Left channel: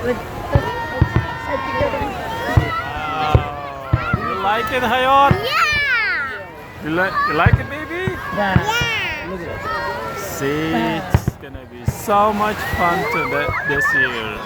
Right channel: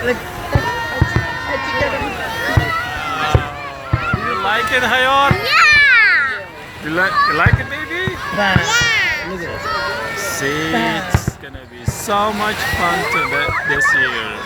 You like it, Hayor? Yeah. You like it, baby? Yeah. See, it's gonna be so much fun this year.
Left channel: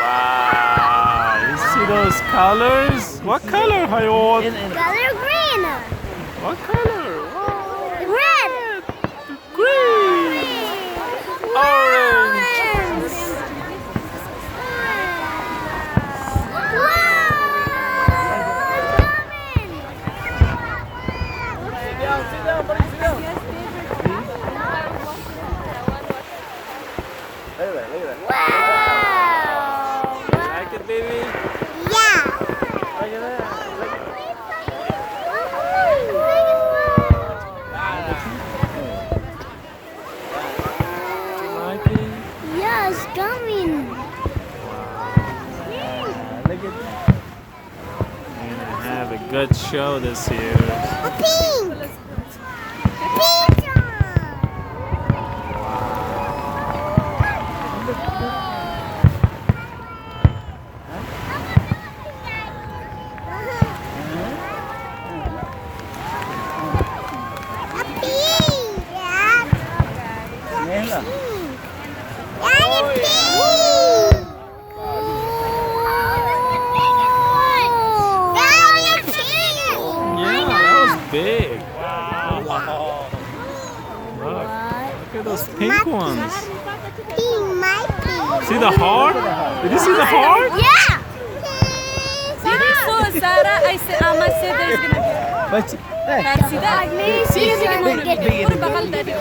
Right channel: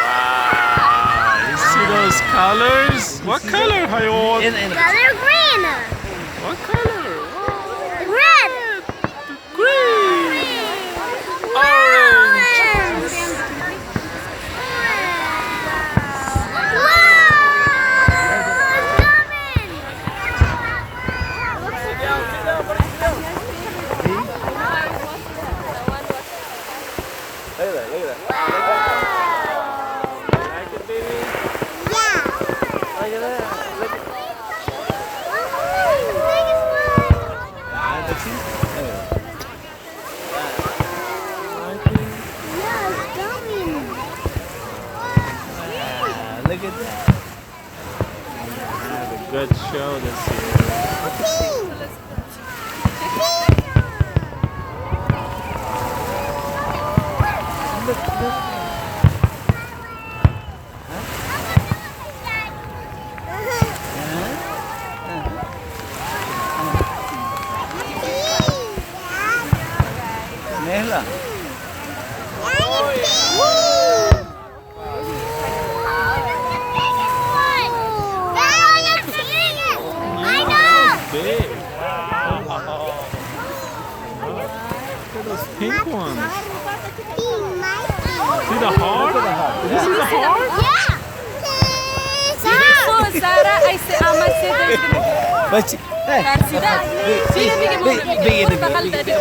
Wow, you see those colors? What color, Hayor? Color green. What color? Wow, Red. green, orange. Like it, baby? Like it? Yeah, it's coming. Have a good show this year. Yeah, that was big. Wow. Look at those pink ones. See the heart? Did you see the heart? Yeah. So Sara ay si Ahmad si Tarsida. Sino bigyan mo na bigyan? Puro bakal tadi.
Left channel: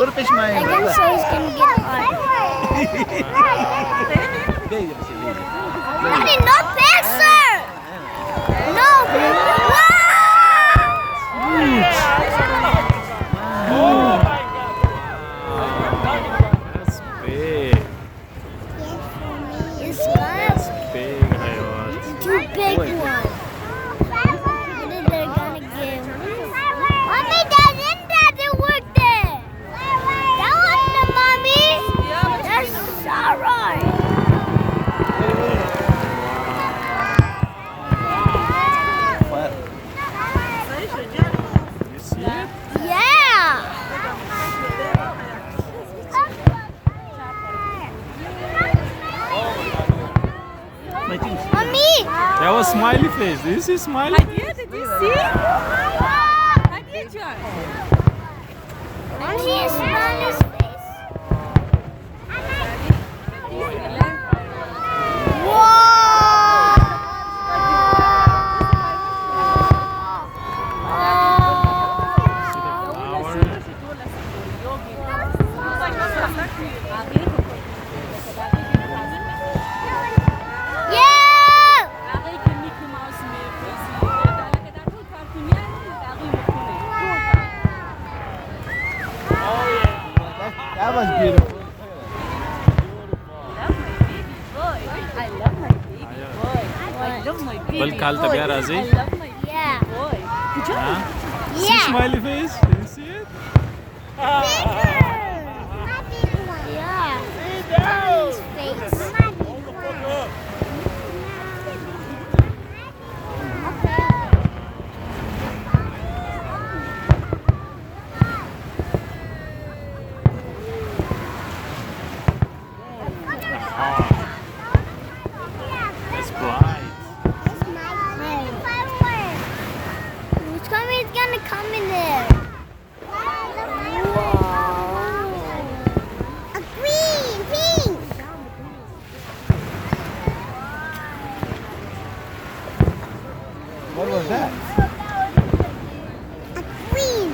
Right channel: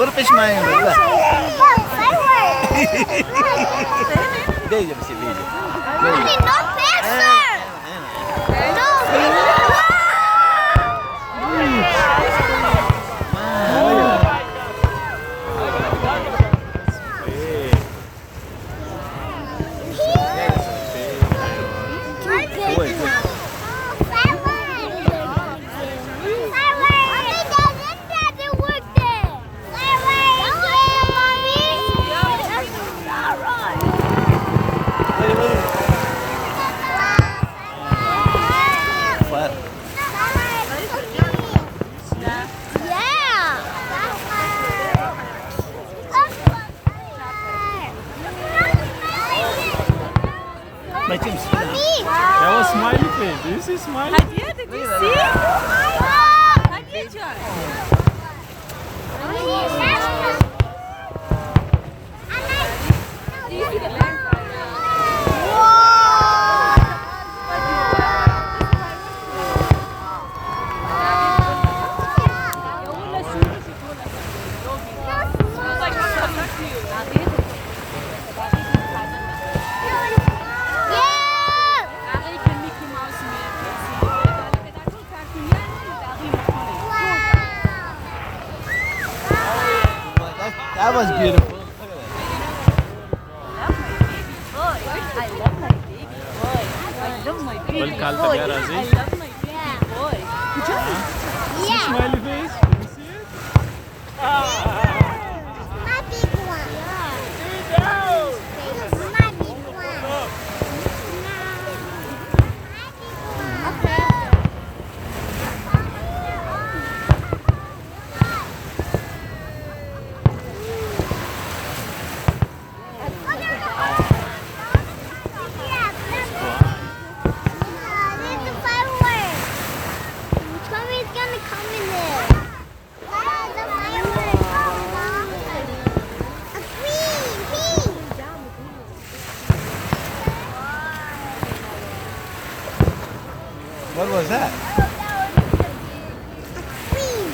Berpis main. No picture. No. It's big. It's big. Hayor. Too big. Mommy doesn't work there. That was the mommy. That's Sarah. You see it? Yeah. Mommy. That was smiley face. Do you see smiley? Hadiah, did you see? Hadiah John. That was beautiful. I love my baby boy. I love my baby Bal kalta boy. pyara zi? I love my baby boy. See Yeah. smiley face? Can you see it? It's bright. Which one is gonna come in there? A green, pink. What was that? Green.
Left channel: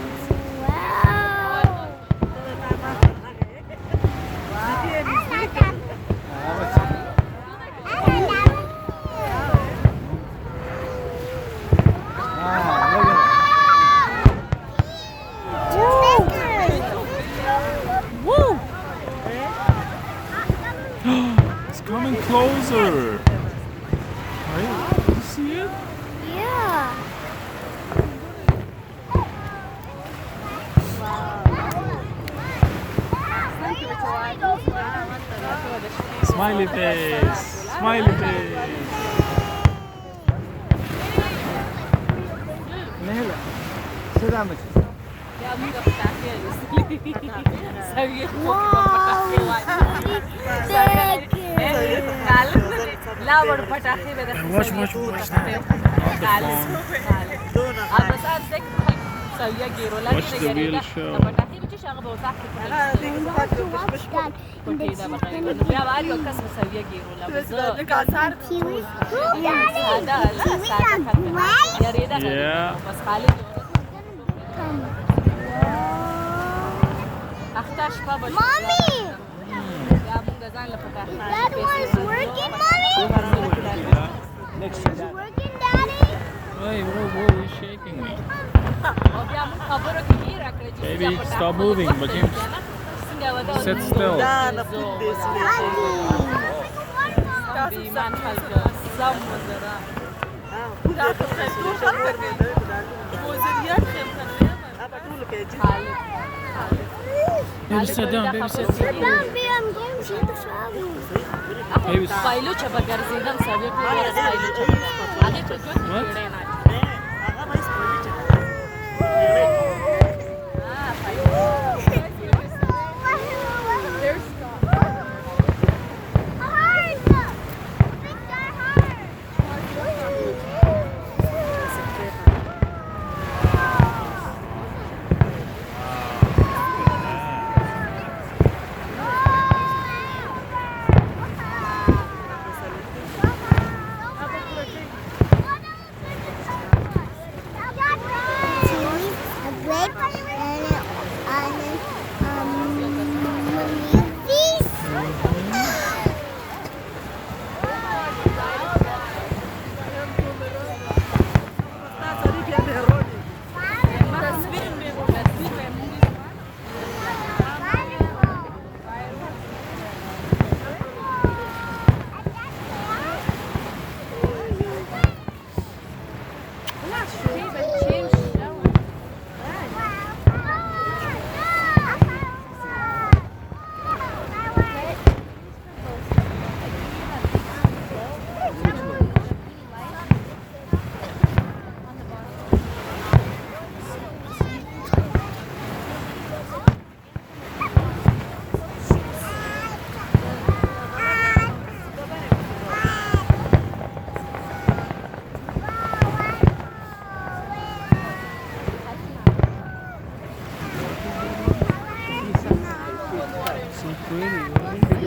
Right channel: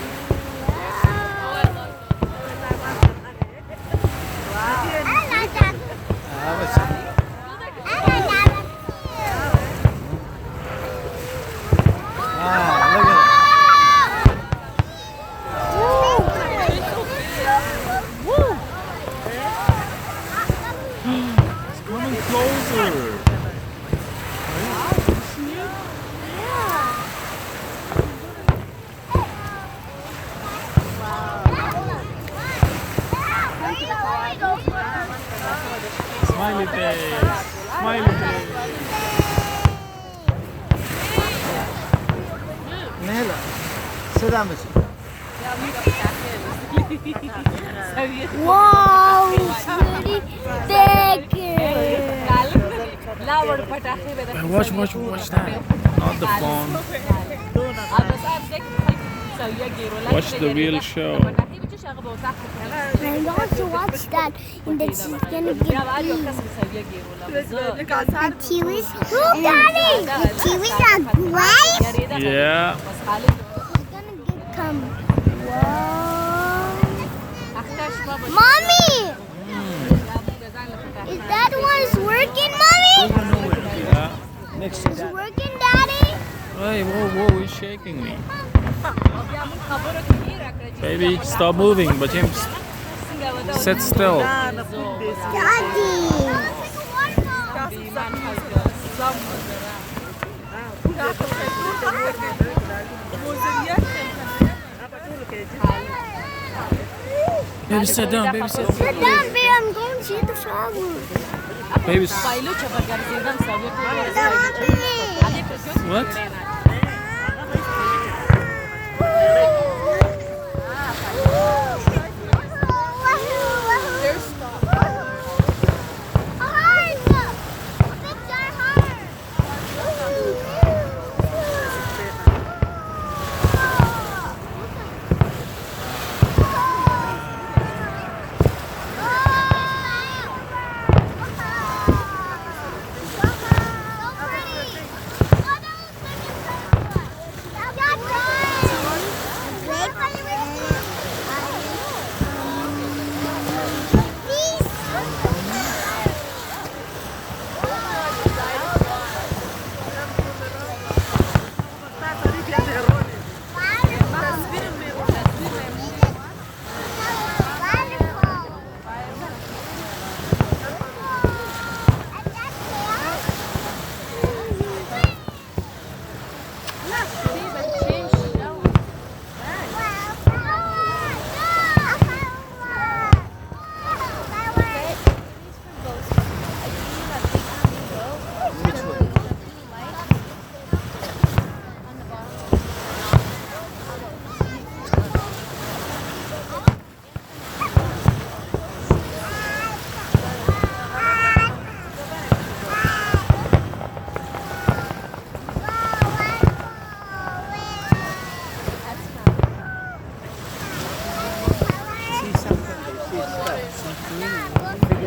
Look at It's coming closer. Hey, can you see it? Yeah. Smiley face. Smiley face. نهلا سلام Wow, it's really big. لا ور پټاخې به د Watch that. Not the phone. अब बस आज देख सविया गिरो ला Watch the real show. پټاخې به چې هغه به وتاخې I want to watch that. And then she's gonna be بیا وار یو کس سویا ګیرو لا بزه and Kiwi's. Look, Daddy! دا Kiwi's are bright. یریدا Yeah. بس خالد Come. اخته شپه به Mommy! یا موږ ځان له پټاخې Is that one's working, Mommy? Yeah. next It's working, Daddy? Hey, whoa, he's shaking me. او بیا موږ خبرو کې هیر کړی چې Baby, stop moving, but James, sit still. Daddy! بیمان خلق زم وزرا Baby, sit down, baby, sit Sit down, babe. I'm going to see the flowers. Baby, پایلو چې به ګرځېدم سویا ټول ورځ پایلو چې هغې په ژوند کې What? کېړی نه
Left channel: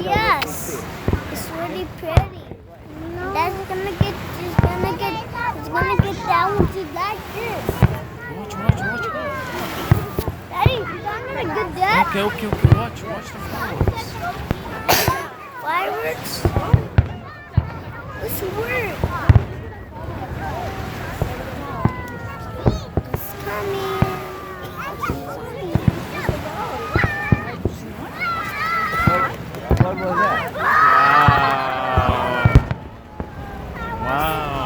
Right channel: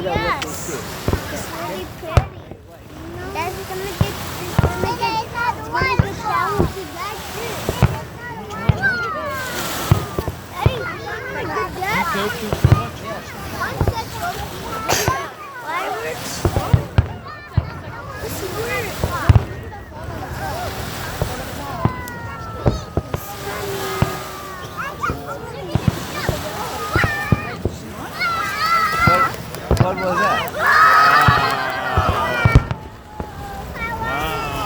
Yes, it's really pretty. That's it's gonna get down with you like this. Daddy, is that gonna get that? okay, watch. Fireworks? It's weird. It's coming. what was that Wow.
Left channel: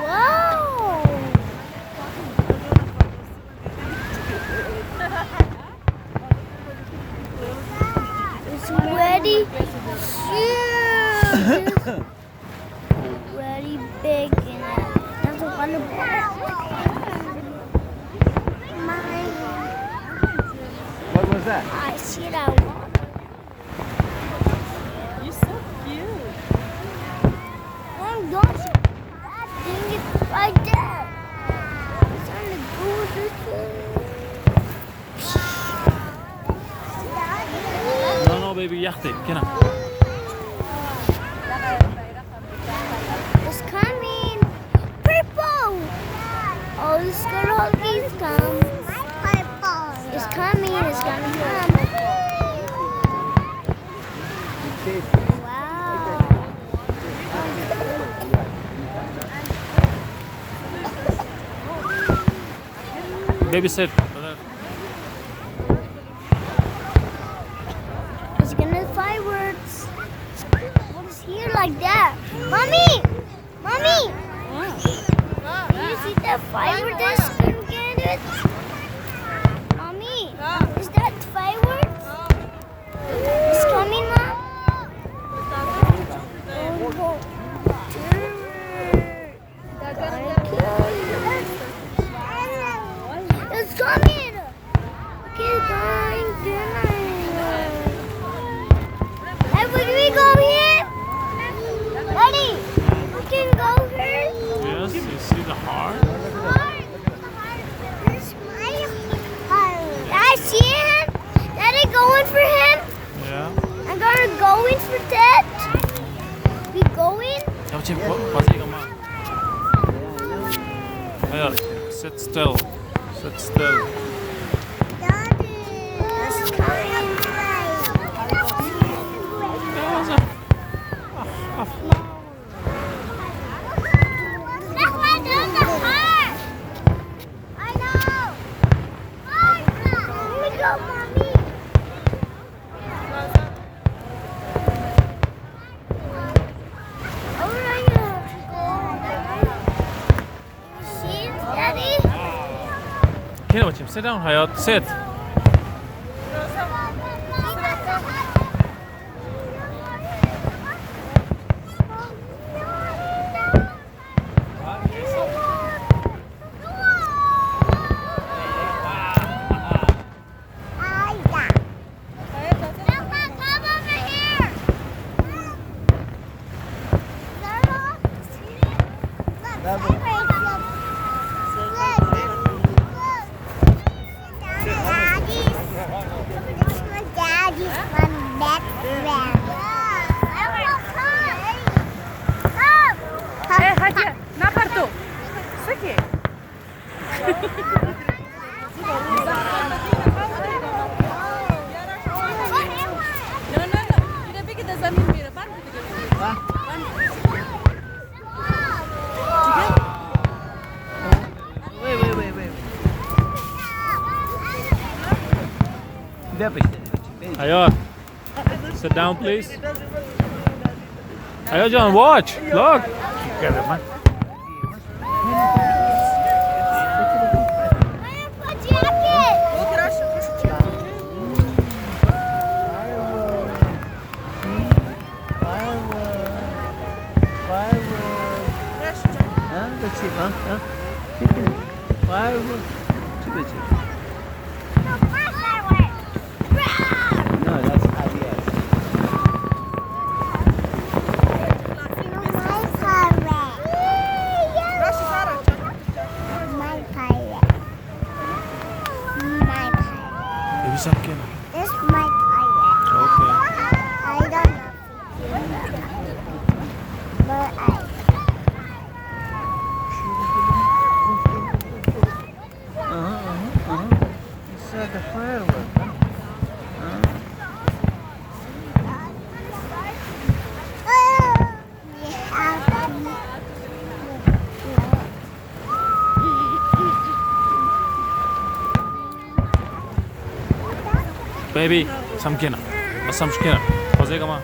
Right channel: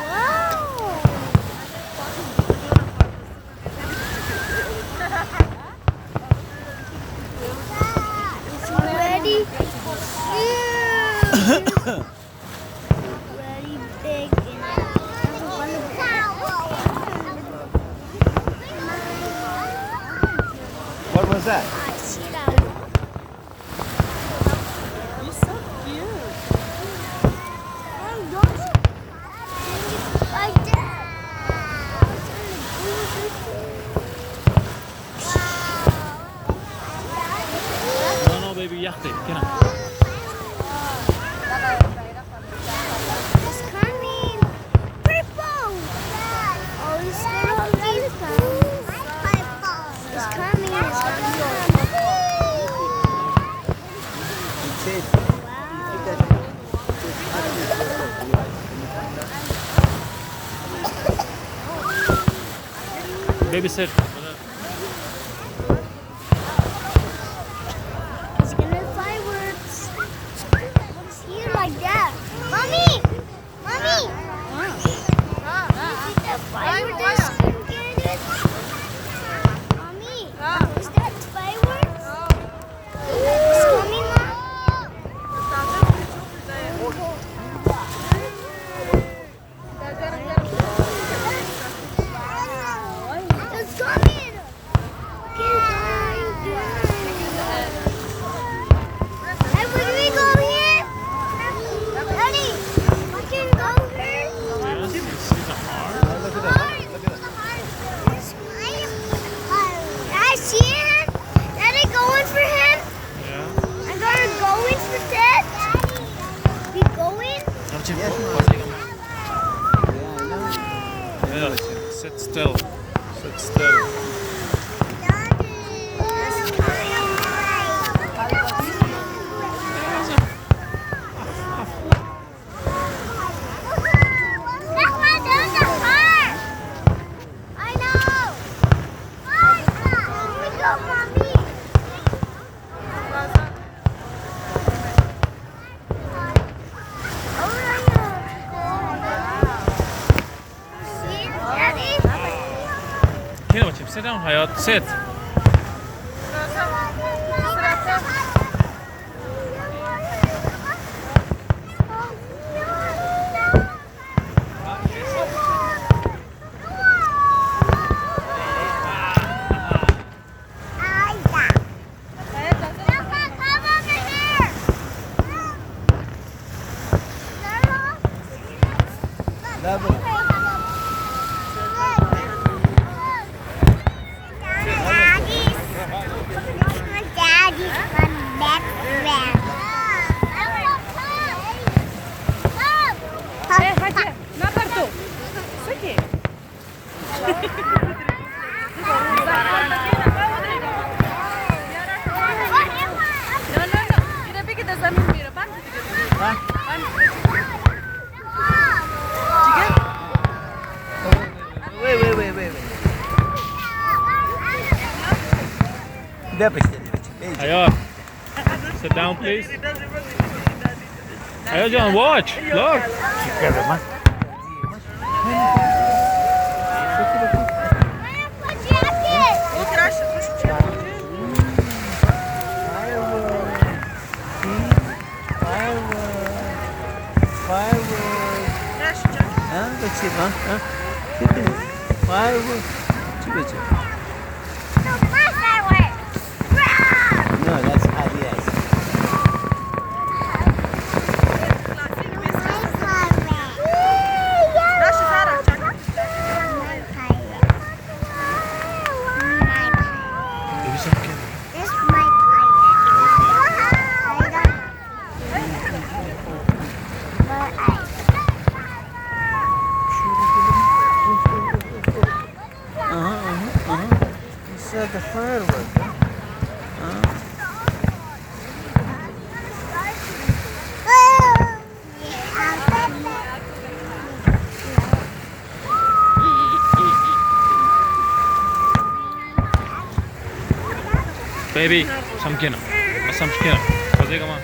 Whoa! It's ready. Huge. Very big and also gonna what was that I see that. You're so cute. Hey, don't bring it like that. It's on the booty. No, baby, yachte. Get on. It's coming. Purple. Oh, it's gonna hold these guns. It's coming. It's gonna come. it's it Baby, sit. It's gonna fireworks. What's here like that? Mommy! Mommy! You see that fireworks? fireworks? Mommy, is that fireworks? It's coming, Mom? It's coming! Okay, going down. Hey, can we go here? Daddy, we can go here? Yes, you see the heart? I see him. Daddy, going for him. Yeah. I'm gonna go in for that. We going? 삼촌 거세가마. Yeah, sit still. Sit still. That's why there's a car. I know. Let me go, Mommy. See, Daddy? Here, watch him. Sit down, Hayat. Sit. Bravo. Hadi, na parto. Isso aqui. No. Kita pergi ke zamin di depan. Wait. Hayat. Sit down, please. Hayat, John, watch. Look. No, that's not yes. Maybe something. This is my pirate. Okay. I don't know. But It's like a firework. Baby, 삼키나. 삼키나. 거세가마.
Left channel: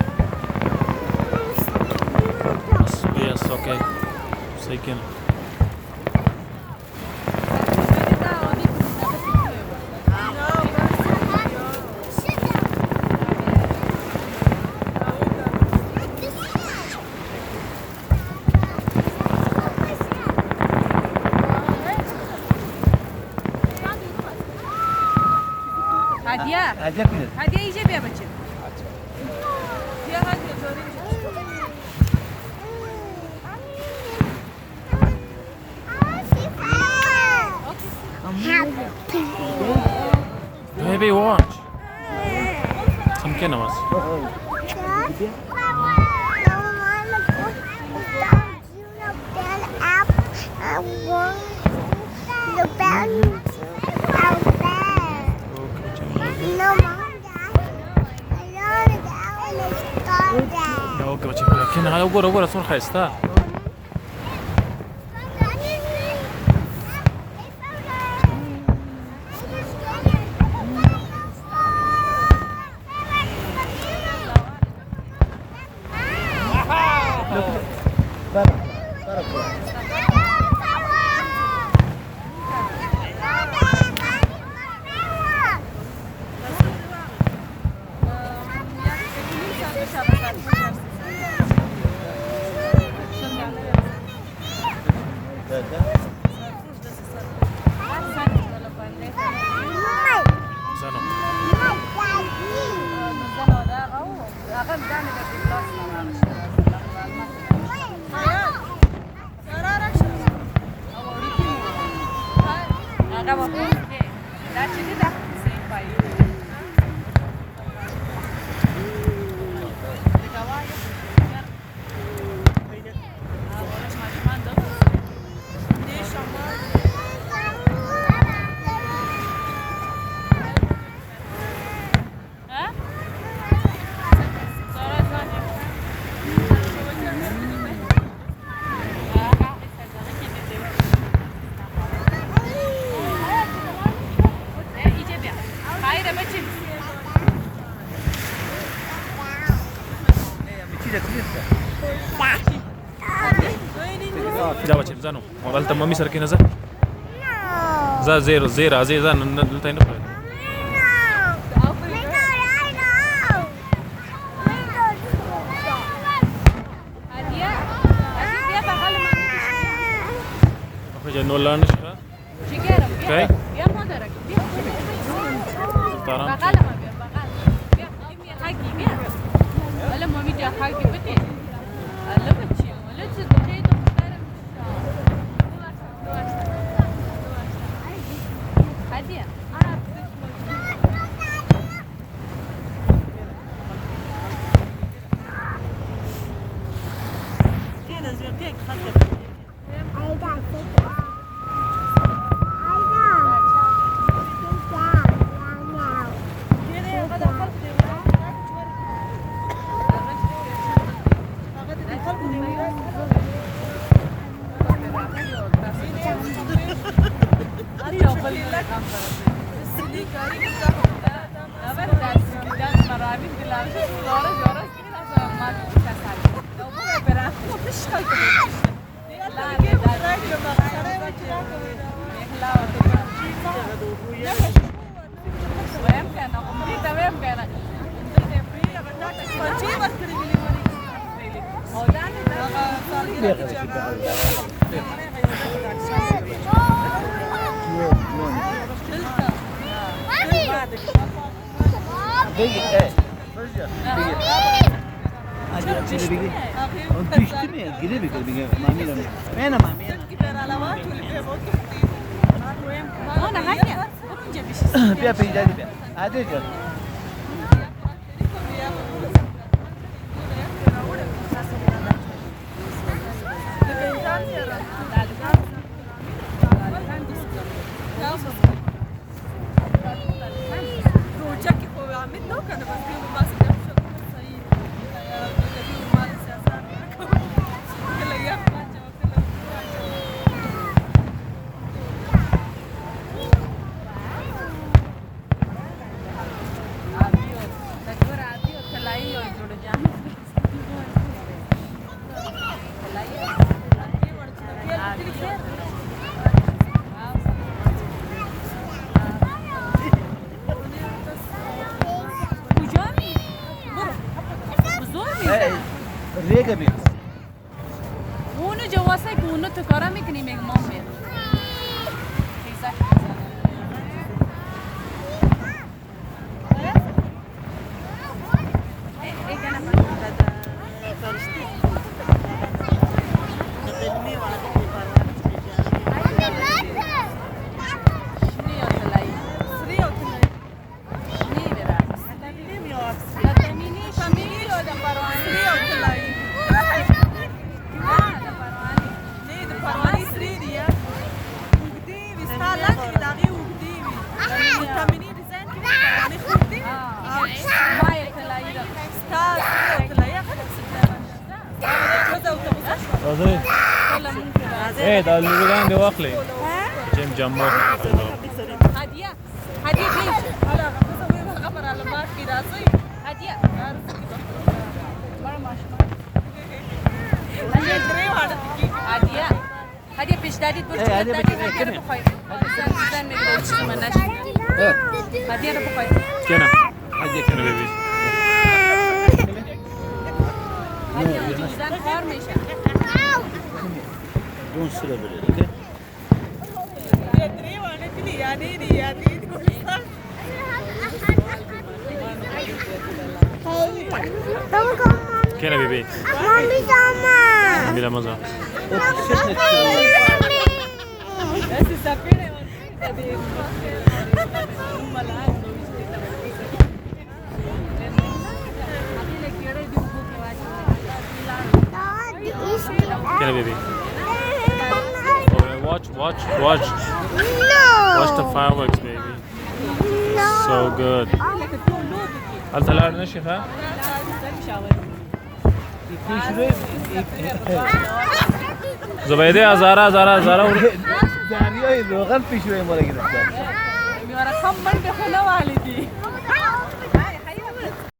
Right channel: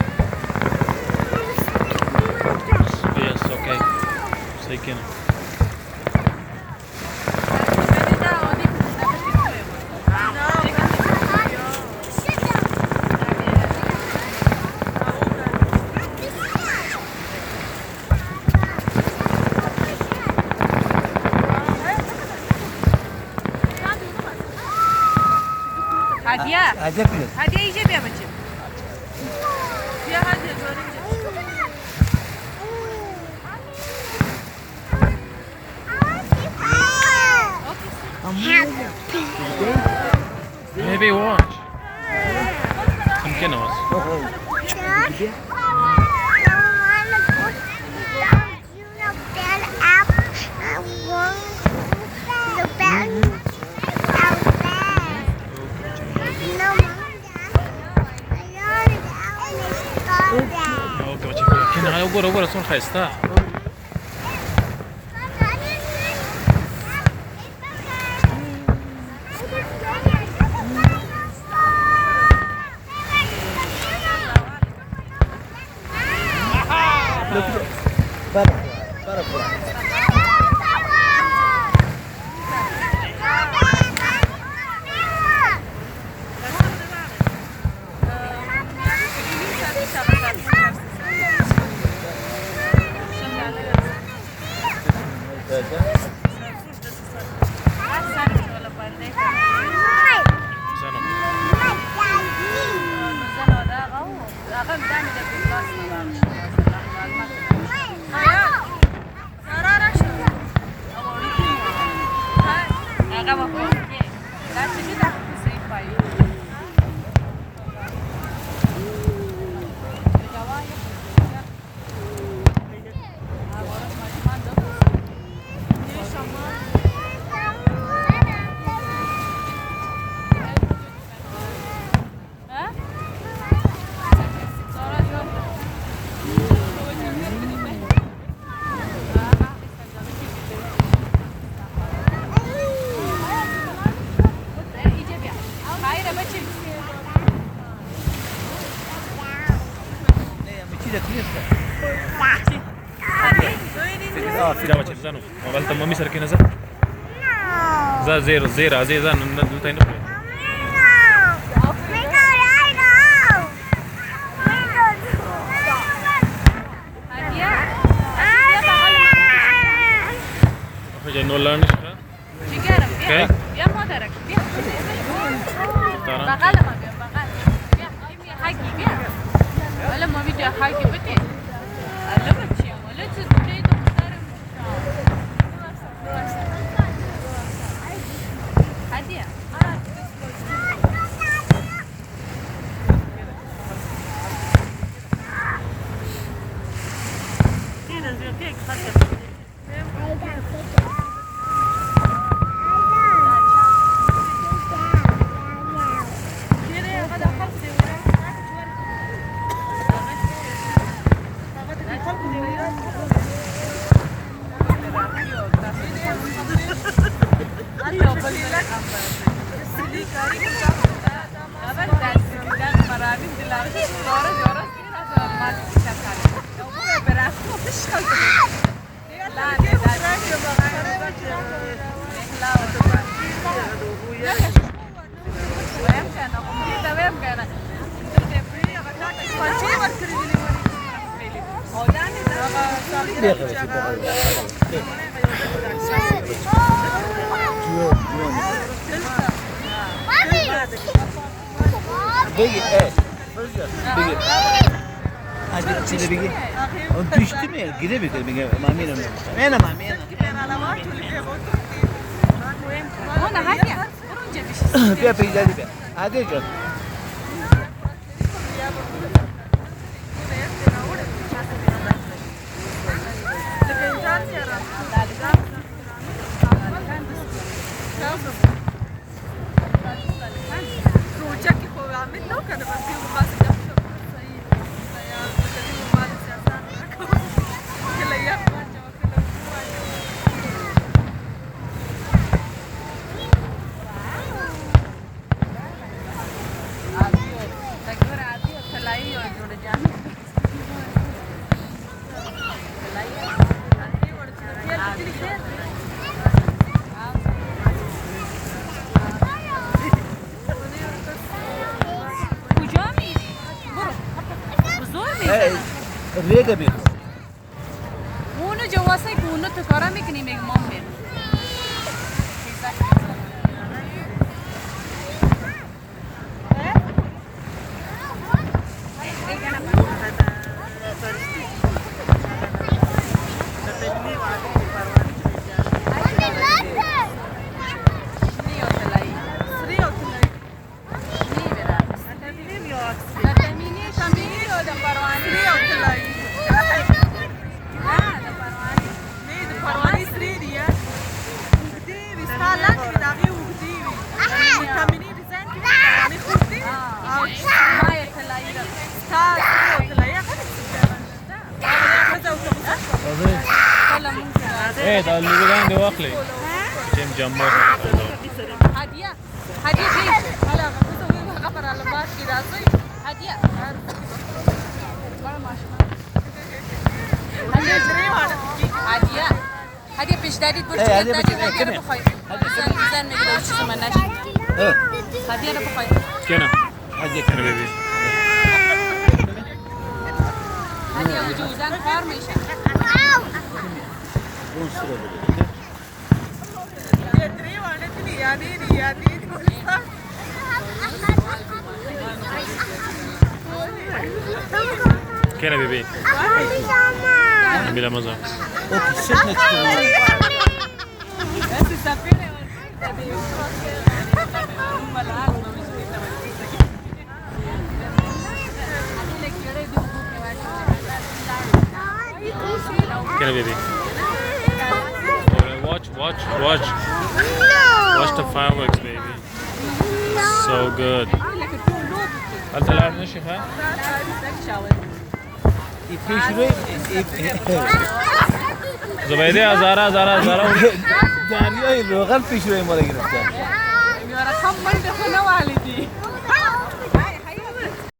Yes, okay. Saykin. Hadiye. Hadiye iyice bir yapacağım. Ya hadi görünce. Baby, watch. 삼키나 was. Okay, watch it. Kina, agora, só resta. Butterfly. رفتن ولا پنده زنم زن ولا غو أغلب دائما في الكلاس ما بعرفش لا تجي ده سيف باي जा बच्चे जानो mobile त mummy sir के नजर जा जेरो जेरा जे जा न तैन Oye, no learn شو؟ Okay. يا مدرك ترى بقال ما بقال يا حاجة يا ولا ما بدي حاجة بدي أنا بتشي ولا تزوجي تختار هدية بيجي ايه بيجي هذا كذا بيجي انت تشتمي قريب بيجي مامينا مين مامينا هنا هادية ورنجة بيش بيا بيجي بيا هذا جو ريجا بيجي اونو جواسه که اونو تو کارا میکنی میگه مام میرم ايه ده اللي بيجي عندي واخلي جن جمر هدية هدية بيت هدية هدية هدية پیش دادید برو چیکار دادید هدیه رو بخوای زن میگه اون چیزو من نشد هدیه رو بخوای كنا هدية كنا بيبي هدیه اون زن کار میشه اون سره بده كده بيبي بلا مزه كده بيبي watch the fireworks baby so good هل طلعنا نشف ها زبیده هزارا دریای روغن پیشوی ما را گرفتن میاره کم من بخونه والی